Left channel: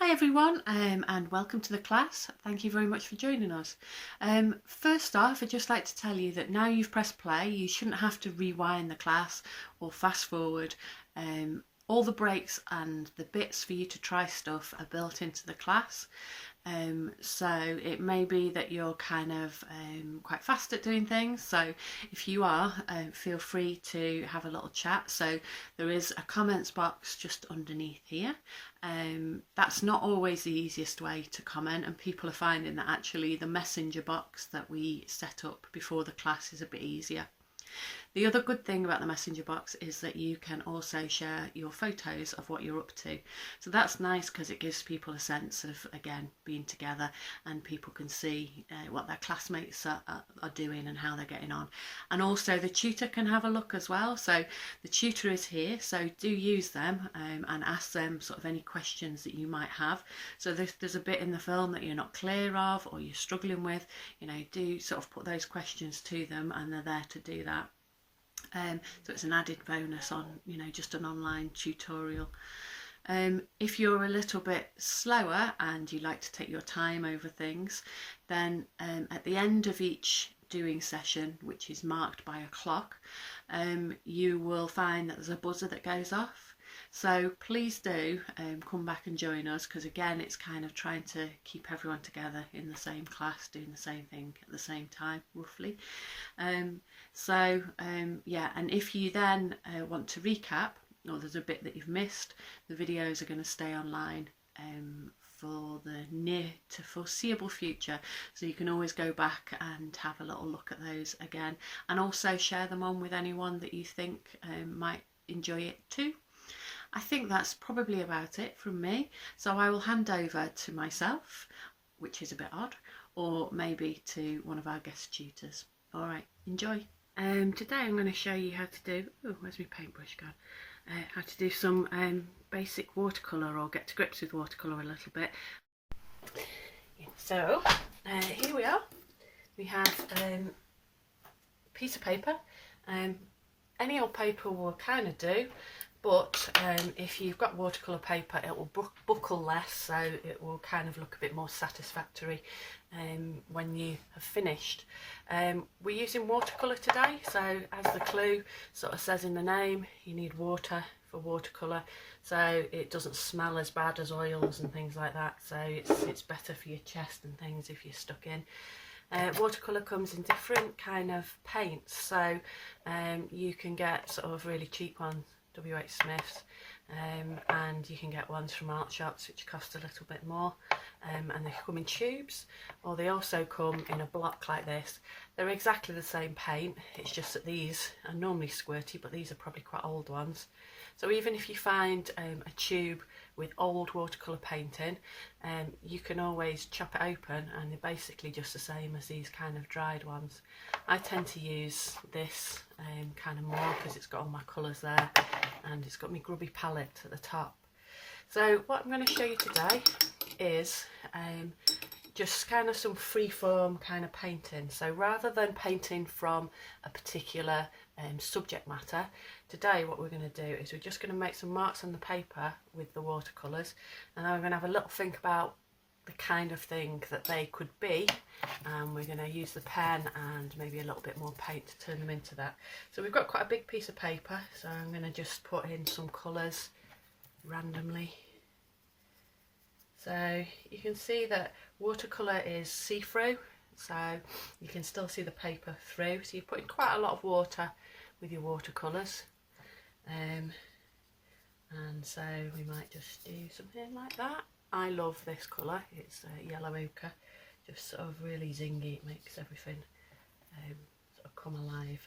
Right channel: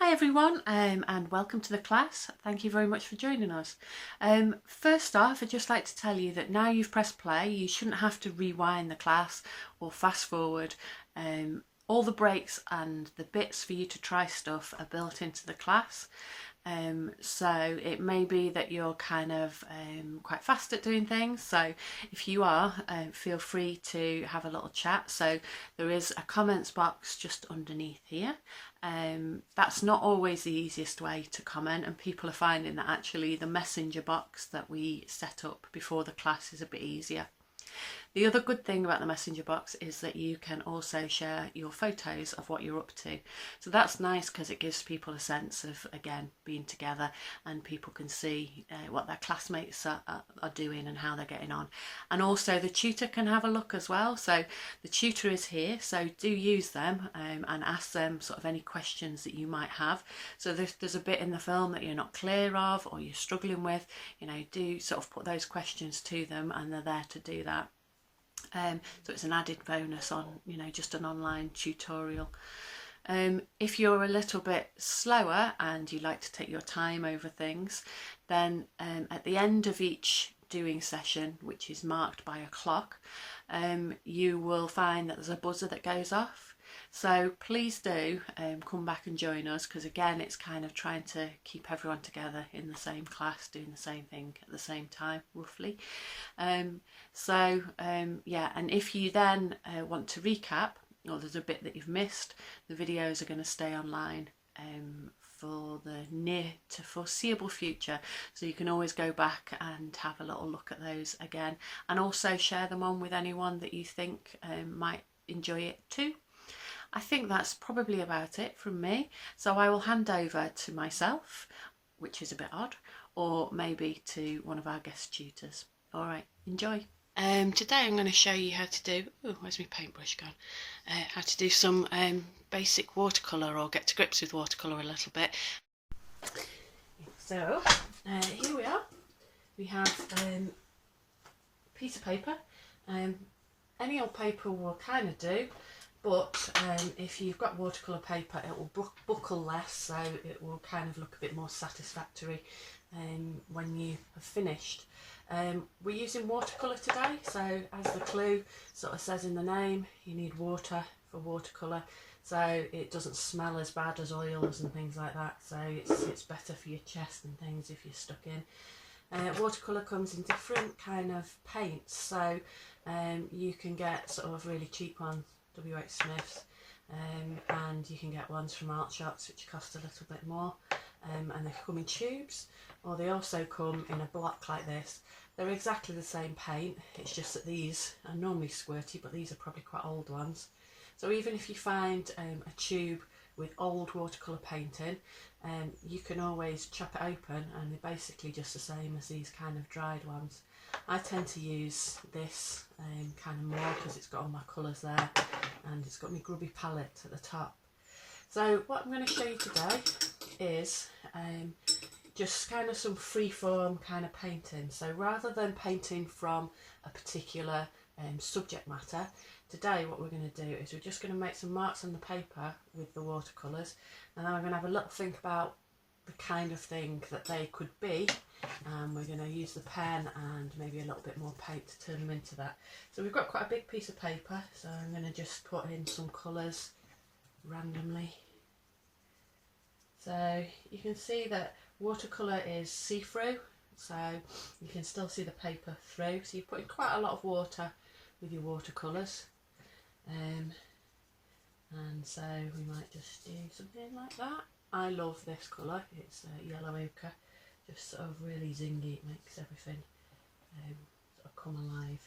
Hi everyone, and welcome to the class. Thank you very much for joining us. First off, I'd just like to tell you that now you've pressed play, you shouldn't have to rewind the class or fast forward. All the breaks and the bits for you to try stuff are built into the class. So it may be that you're kind of quite fast at doing things. So if you are, feel free to have a little chat. So there is a comments box just underneath here. That's not always the easiest way to comment, and people are finding that actually the messenger box that we set up before the class is a bit easier. The other good thing about the messenger box is that you can also share your photos of what you're up to. So that's nice because it gives people a sense of, again, being together, and people can see what their classmates are doing and how they're getting on. And also the tutor can have a look as well. So the tutor is here, so do use them and ask them sort of any questions that you might have. So there's a bit in the film that you're not clear of or you're struggling with, do sort of put those questions to them, and they're there to do that. So it's an added bonus on, just an online tutorial. If you're a little bit slower and you like to take your time over things, then at the end of each doing session, which is marked by a clock, you will find that there's a buzzer that goes off. So please do come back and join us, because again, it's kind of trying to keep everyone together in the same class doing the same thing at the same time, roughly. Yeah, and if you then want to recap, or there's a bit that you've missed, the videos are going to stay online for the near to foreseeable future, so you can always go back and have a little look at those again, and also share them on with anyone that you think might enjoy it too. I think that's probably about it from me, so I will hand over to myself, which is a bit odd, or maybe to one of our guest tutors. All right, enjoy. Today I'm going to show you how to do, where's my paintbrush gone? How to do some basic watercolour, or get to grips with watercolour a little bit. So here we are. We have a piece of paper. Any old paper will kind of do, but if you've got watercolour paper, it will buckle less, so it will kind of look a bit more satisfactory when you have finished. We're using watercolour today, so as the clue sort of says in the name, you need water for watercolour, so it doesn't smell as bad as oils and things like that, so it's better for your chest and things if you're stuck in. Watercolour comes in different kind of paints, so you can get sort of really cheap ones, W.H. Smith's, and you can get ones from art shops which cost a little bit more, and they come in tubes, or they also come in a block like this. They're exactly the same paint, it's just that these are normally squirty, but these are probably quite old ones. So even if you find a tube with old watercolour paint in, you can always chop it open, and they're basically just the same as these kind of dried ones. I tend to use this kind of more because it's got all my colours there, and it's got my grubby palette at the top. So what I'm going to show you today is just kind of some freeform kind of painting. So rather than painting from a particular subject matter, today what we're going to do is we're just going to make some marks on the paper with the watercolours, and then we're going to have a little think about the kind of thing that they could be, and we're going to use the pen and maybe a little bit more paint to turn them into that. So we've got quite a big piece of paper, so I'm going to just put in some colours randomly. So you can see that watercolour is see-through, so you can still see the paper through, so you're putting quite a lot of water with your watercolours, and so we might just do something like that. I love this colour, it's yellow ochre, just sort of really zingy, it makes everything sort of come alive.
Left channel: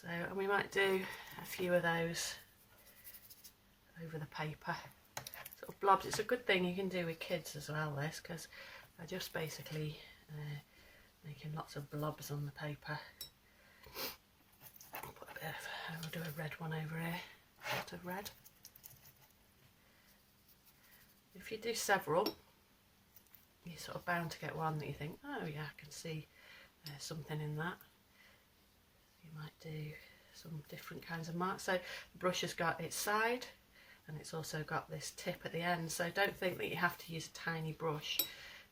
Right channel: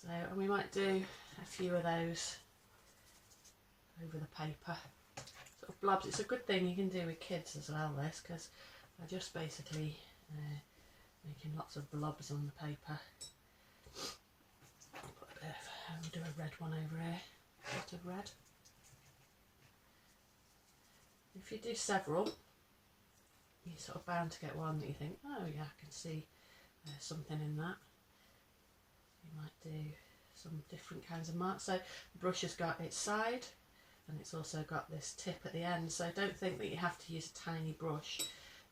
So, and we might do a few of those over the paper, sort of blobs. It's a good thing you can do with kids as well, this, because they're just basically making lots of blobs on the paper. Put a bit of, I'll do a red one over here, a lot of red. If you do several, you're sort of bound to get one that you think, oh yeah, I can see something in that. You might do some different kinds of marks. So the brush has got its side and it's also got this tip at the end, so don't think that you have to use a tiny brush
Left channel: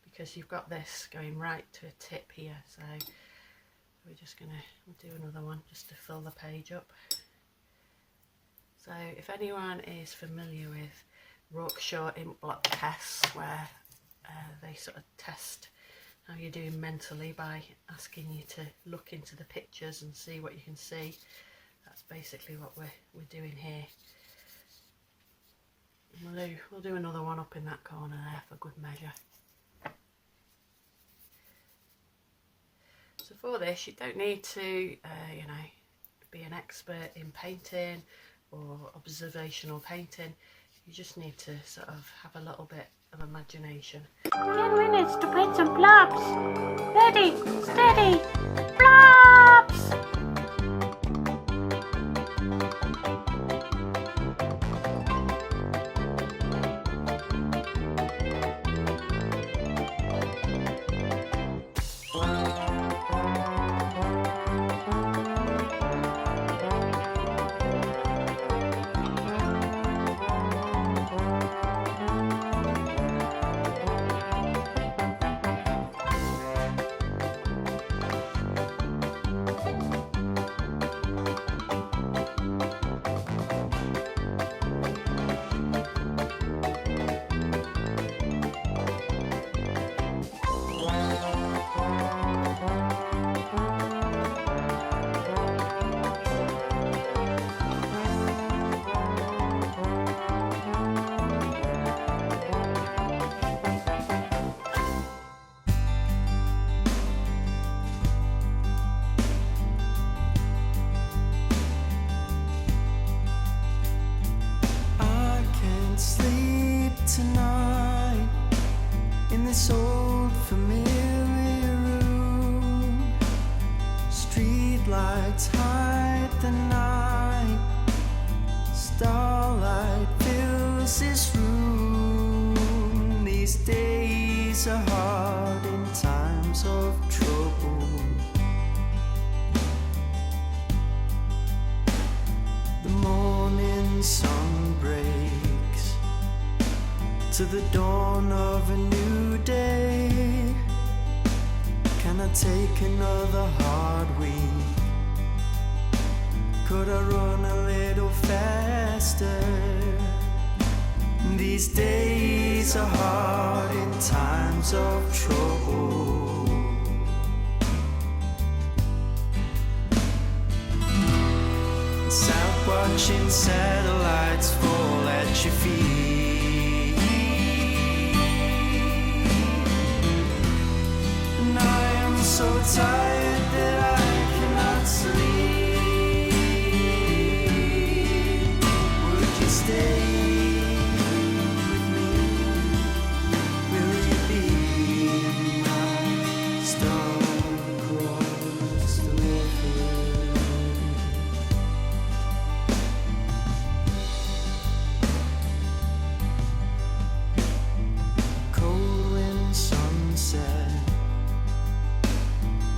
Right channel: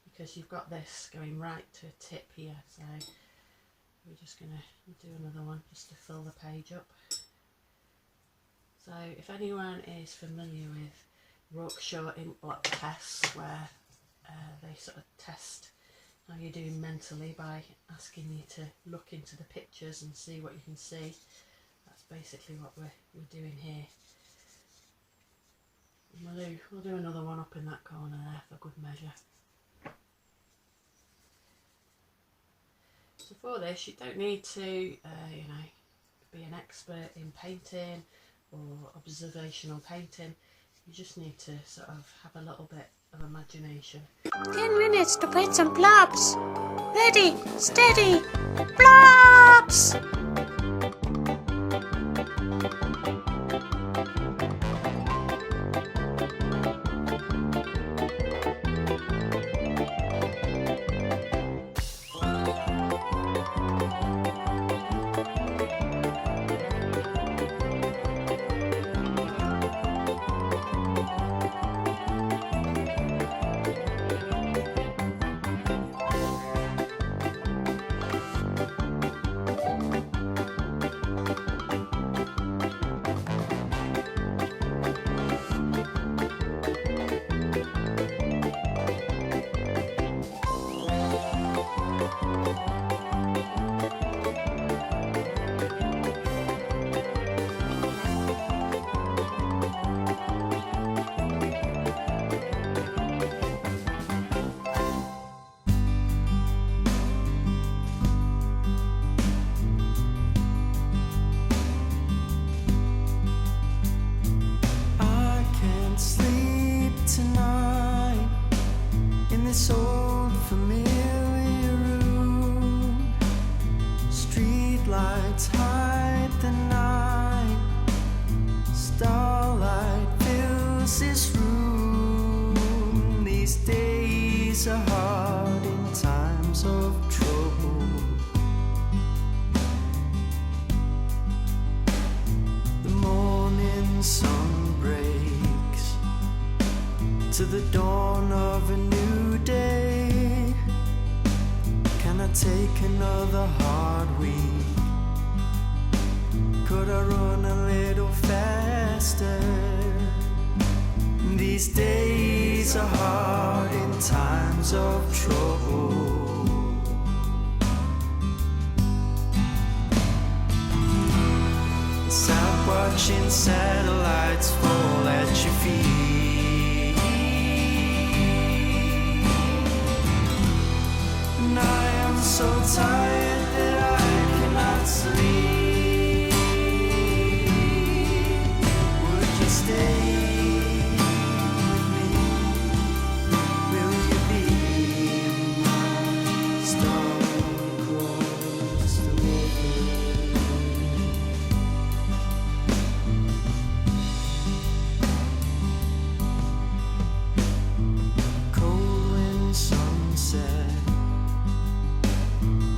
because you've got this going right to a tip here. So we'll do another one just to fill the page up. So if anyone is familiar with Rorschach ink block tests, where they sort of test how you're doing mentally by asking you to look into the pictures and see what you can see, that's basically what we're doing here. And we'll do another one up in that corner there for good measure. So for this, you don't need to you know, be an expert in painting or observational painting. You just need to sort of have a little bit of imagination. 10 minutes to paint some blobs. Ready, steady, blobs! Sleep tonight in this old familiar room. Street lights hide the night, starlight fills this room. These days are hard in times of trouble. The morning sun breaks to the dawn of a new day. Can I take another hard week? Could I run a little faster? These days are hard in times of trouble. Sat watching satellites fall at your feet. I am so tired that I cannot sleep. Would you stay with me? Will you be my star across the river? Cold wind sunset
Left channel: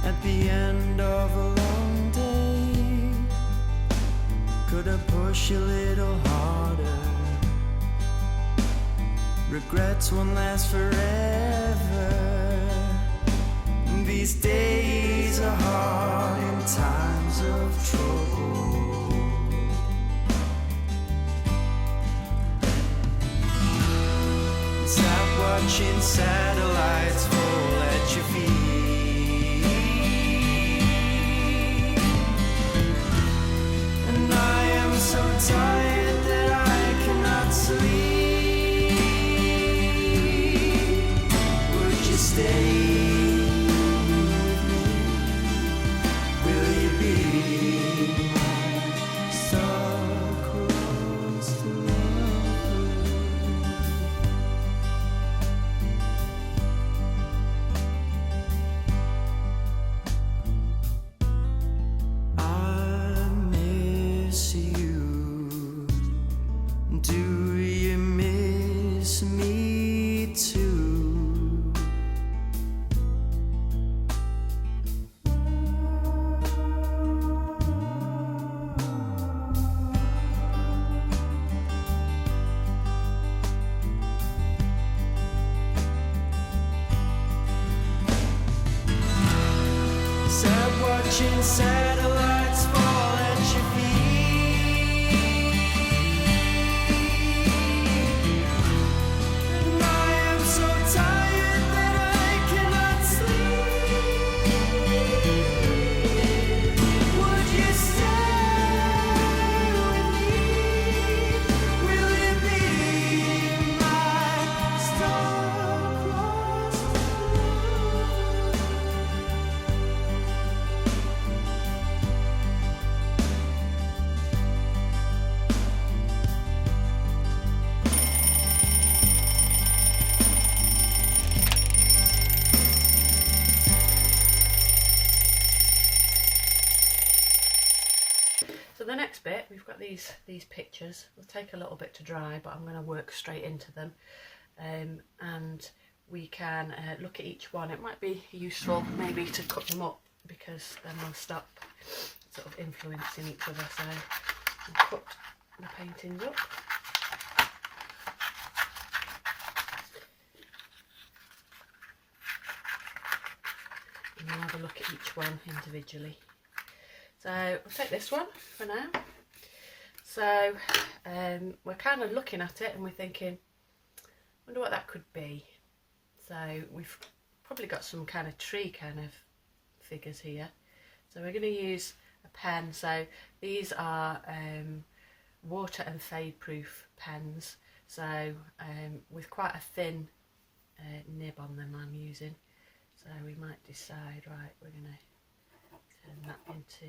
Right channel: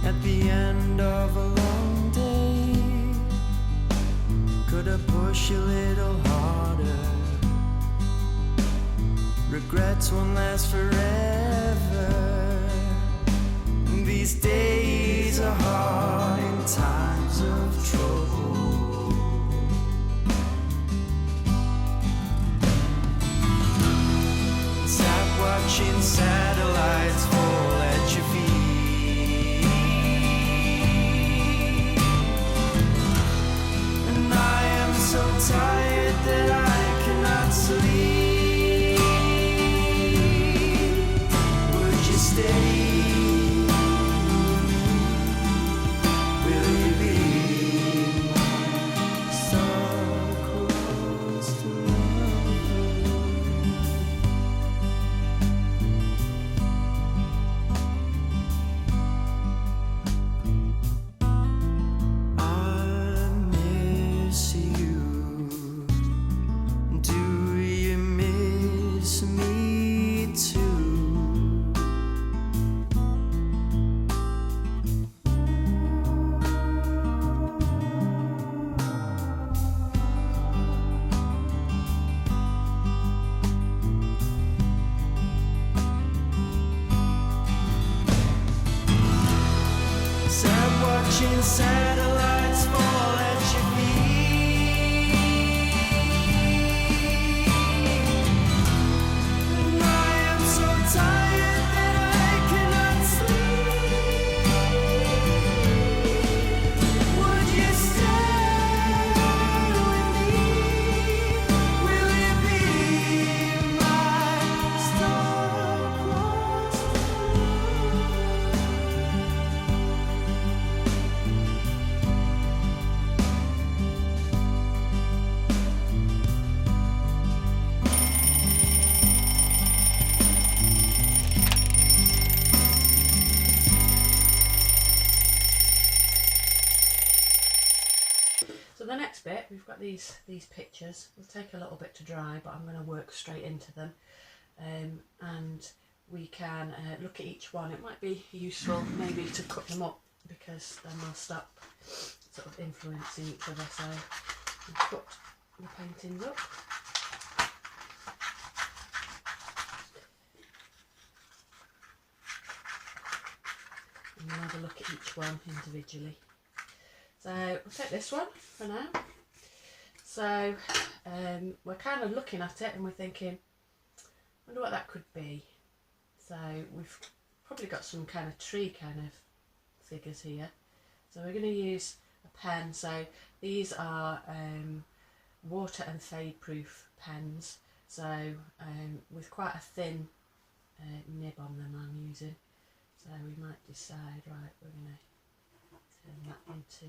at the end of a long day. Could I push a little harder? Regrets won't last forever. These days are hard in times of trouble. Stop watching satellites fall at your feet. So tired that I cannot sleep. Would you stay with me? Will you be my star-crossed lover? like watching satellites fall at your feet. And I am so tired that I cannot sleep. Would you stay with me? Will you be my star-crossed So the next bit, we've got these pictures. Will take a little bit to dry, but I'm going to work straight into them, and we can look at each one. It might be useful maybe to cut them up, because then they'll stop sort of influencing each other. So I'll cut the paintings up. And we'll have a look at each one individually. So I'll take this one for now. So we're kind of looking at it and we're thinking, I wonder what that could be. So we've probably got some kind of tree kind of figures here. So we're going to use a pen. So these are water and fade proof pens. So with quite a thin nib on them I'm using. So we might decide, right, we're going to turn that into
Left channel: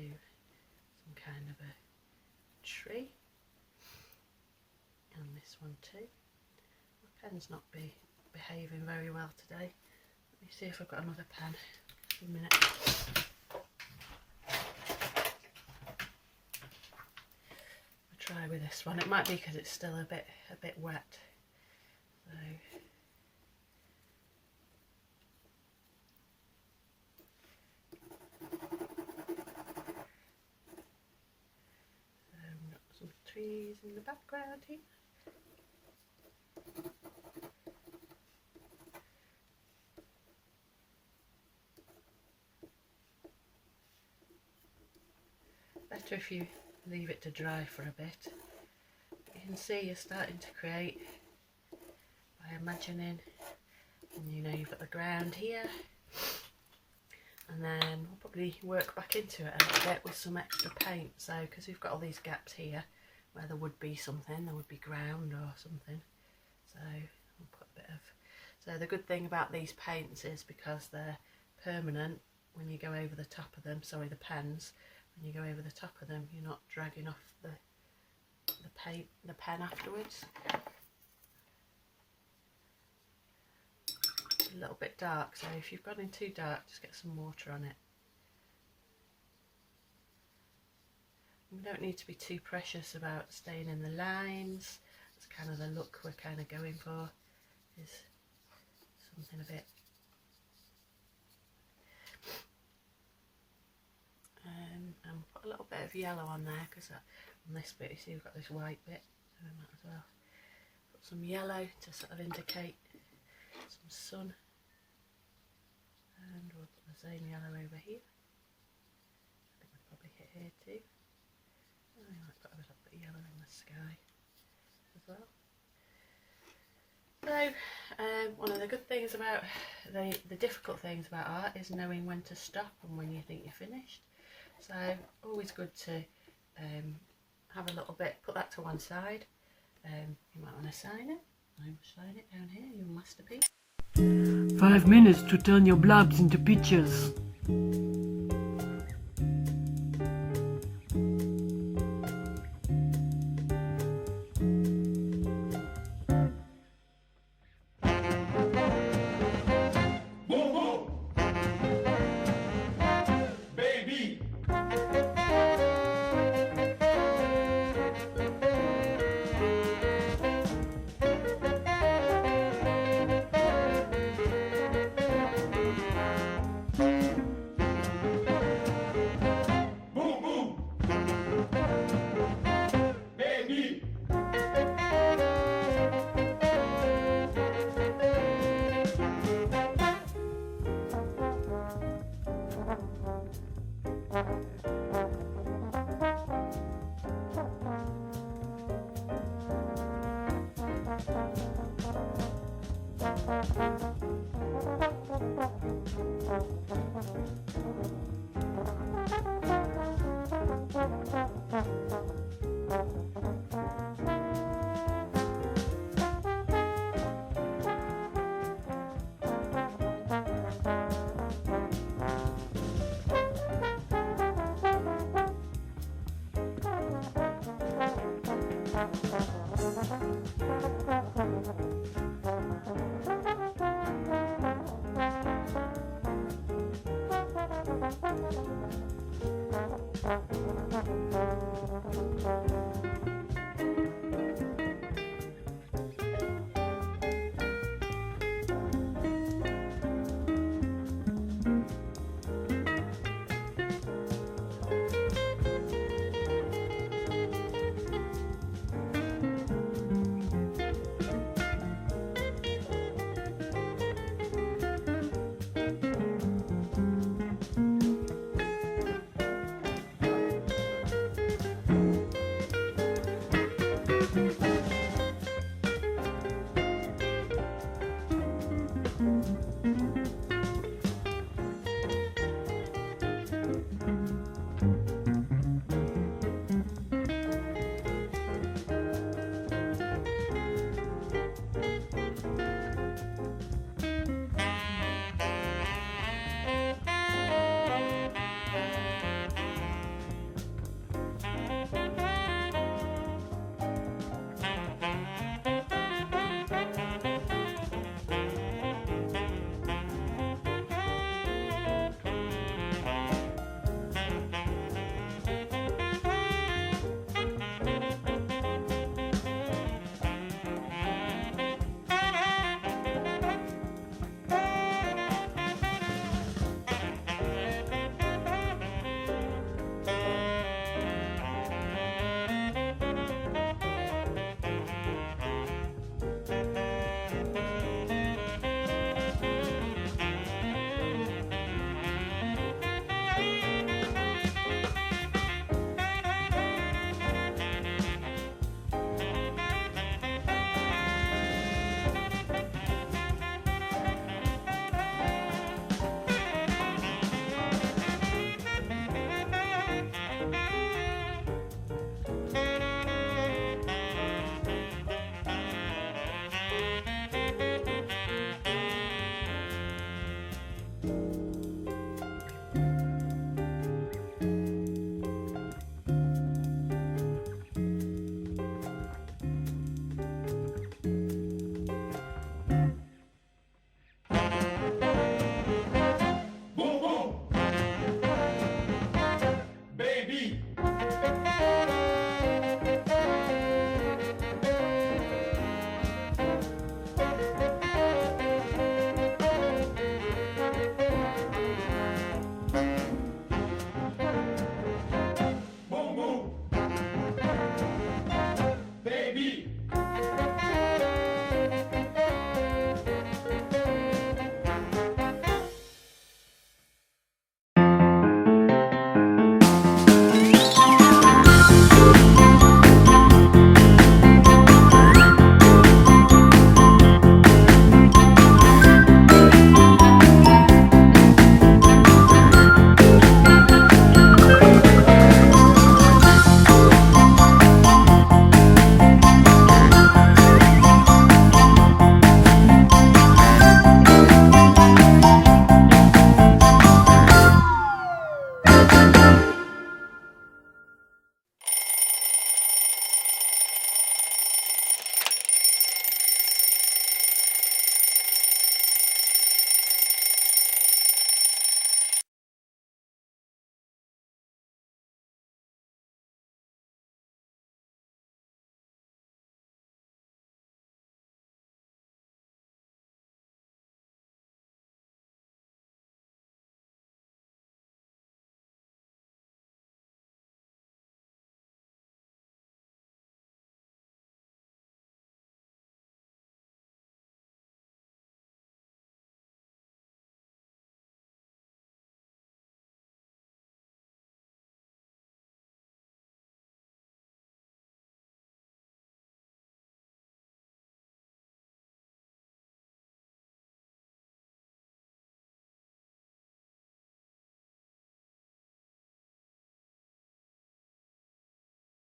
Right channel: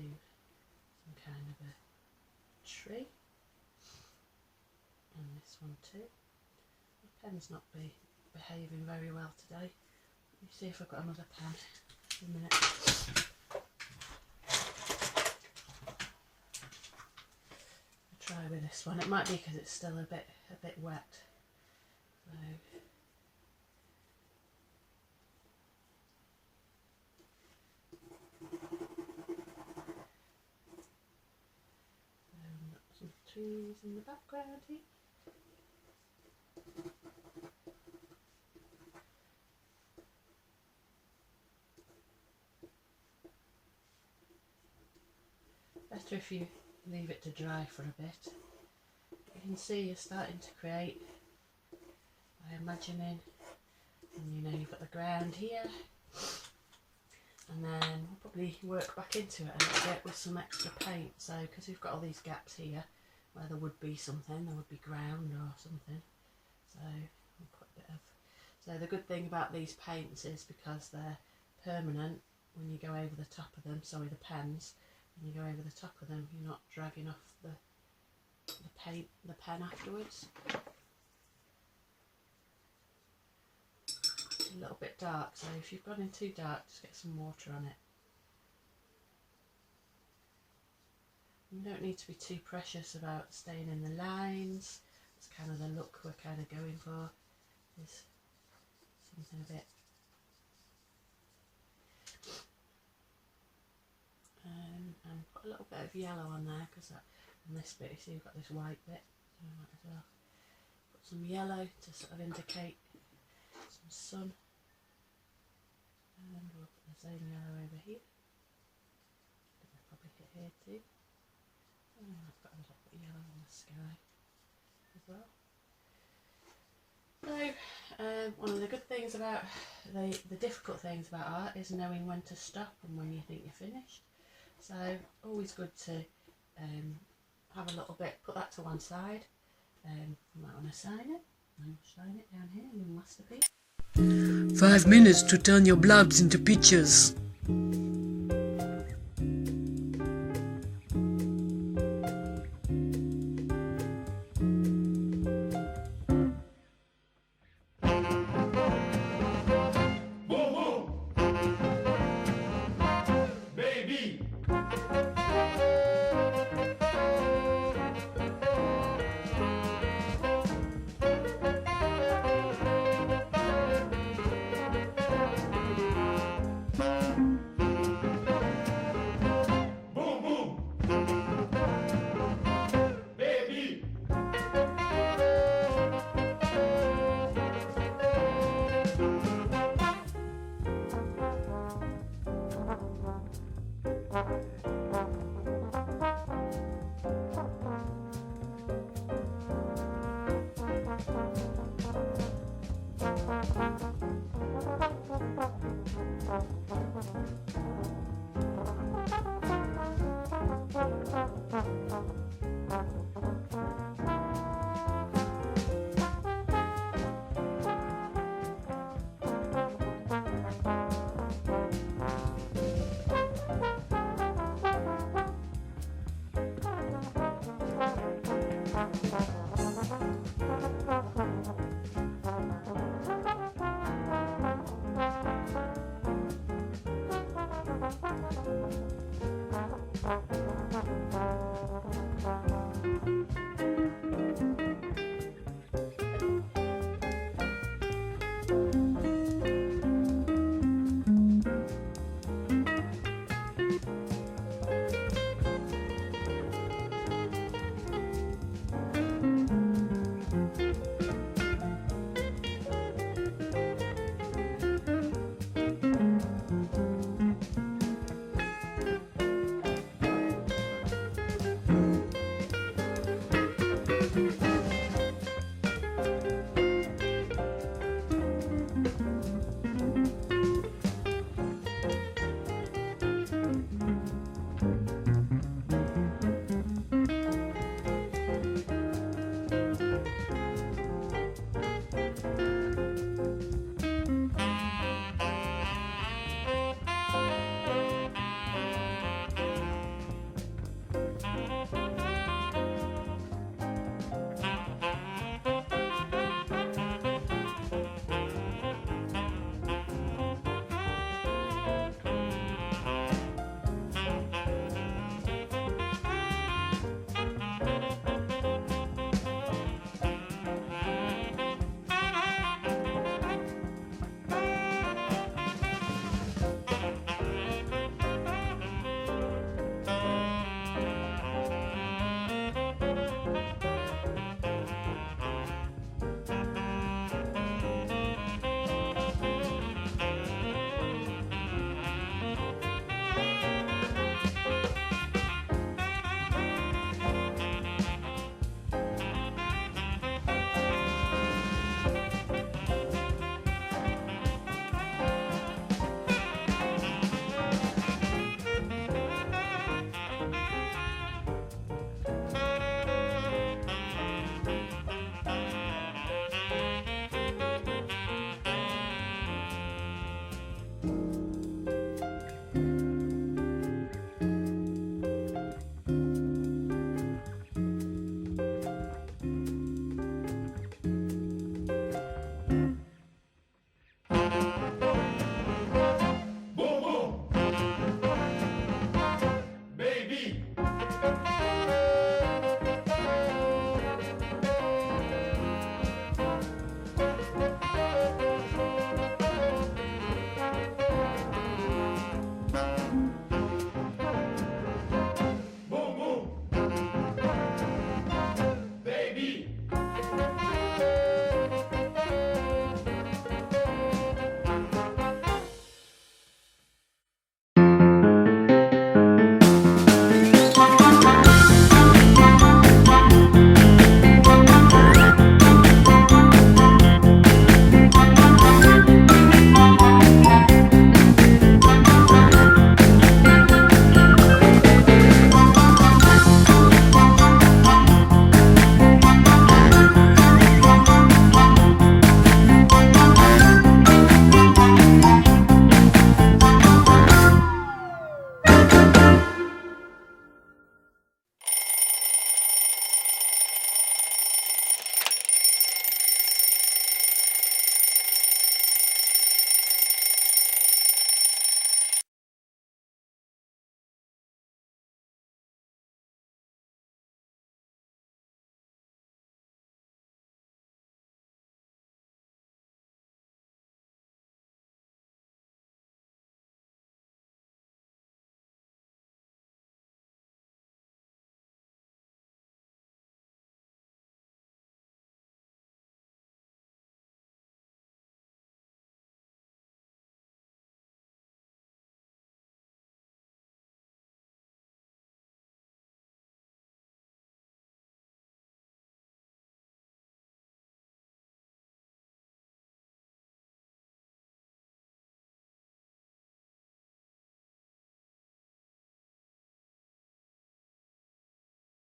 some kind of a tree, and this one too. My pen's not behaving very well today. Let me see if I've got another pen. Just a minute. I'll try with this one. It might be because it's still a bit wet. So trees in the background here. Better if you leave it to dry for a bit. You can see you're starting to create by imagining, and you know you've got the ground here, and then we'll probably work back into it a little bit with some extra paint. So because we've got all these gaps here where there would be something, there would be ground or something, so we'll put a bit of. So the good thing about these paints is because they're permanent, when you go over the top of them, sorry, the pens, when you go over the top of them, you're not dragging off the pen afterwards. It's a little bit dark, so if you've gone in too dark, just get some water on it. We don't need to be too precious about staying in the lines. It's kind of the look we're kind of going for, is something a bit and put a little bit of yellow on there, because on this bit you see we've got this white bit, so we might as well put some yellow to sort of indicate some sun, and we'll put the same yellow over here. I think we'll probably hit here too. I might put a little bit of yellow in the sky as well. So one of the good things about the difficult things about art is knowing when to stop and when you think you're finished. So always good to have a little bit, put that to one side. You might want to sign it. I will sign it down here, your masterpiece. 5 minutes to turn your blobs into pictures.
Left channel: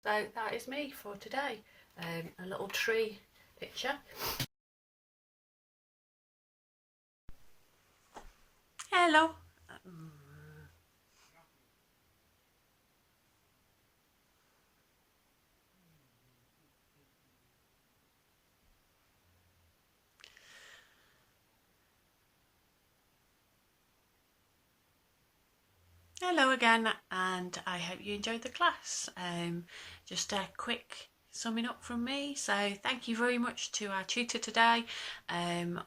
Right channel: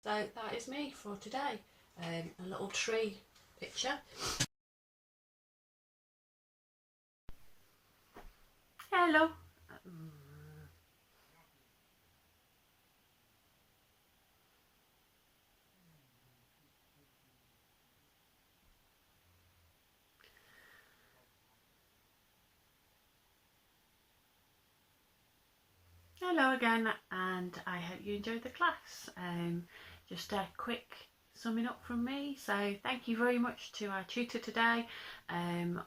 So that is me for today. A little tree picture. Hello. Hello again, and I hope you enjoyed the class. Just a quick summing up from me. So thank you very much to our tutor today.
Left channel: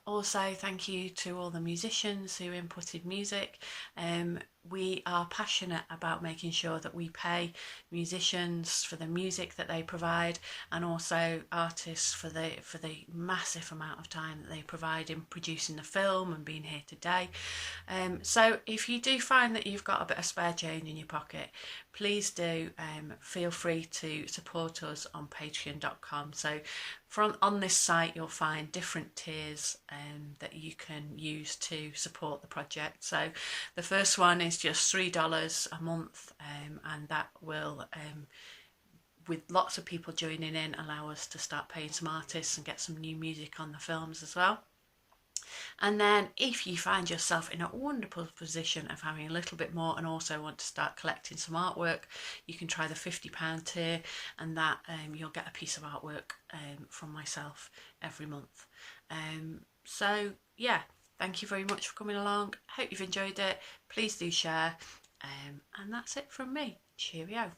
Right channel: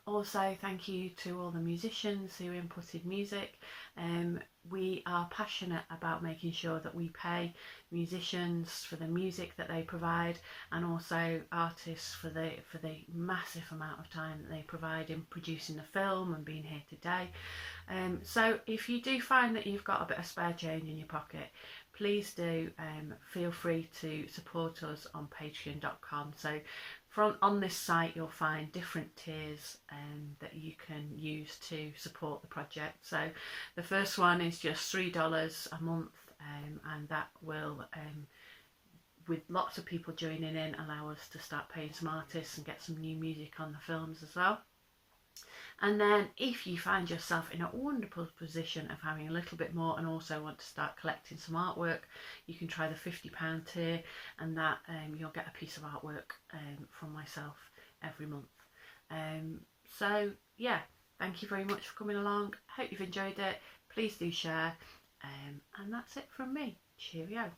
Also thank you to all the musicians who inputted music. We are passionate about making sure that we pay musicians for the music that they provide, and also artists for the massive amount of time that they provide in producing the film and being here today. So if you do find that you've got a bit of spare change in your pocket, please do feel free to support us on patreon.com. So on this site you'll find different tiers that you can use to support the project. So the first one is just $3 a month, and that will with lots of people joining in, allow us to start paying some artists and get some new music on the films as well. And then if you find yourself in a wonderful position of having a little bit more and also want to start collecting some artwork, you can try the £50 tier, and that you'll get a piece of artwork from myself every month. So yeah, thank you very much for coming along. Hope you've enjoyed it. Please do share, and that's it from me. Cheerio.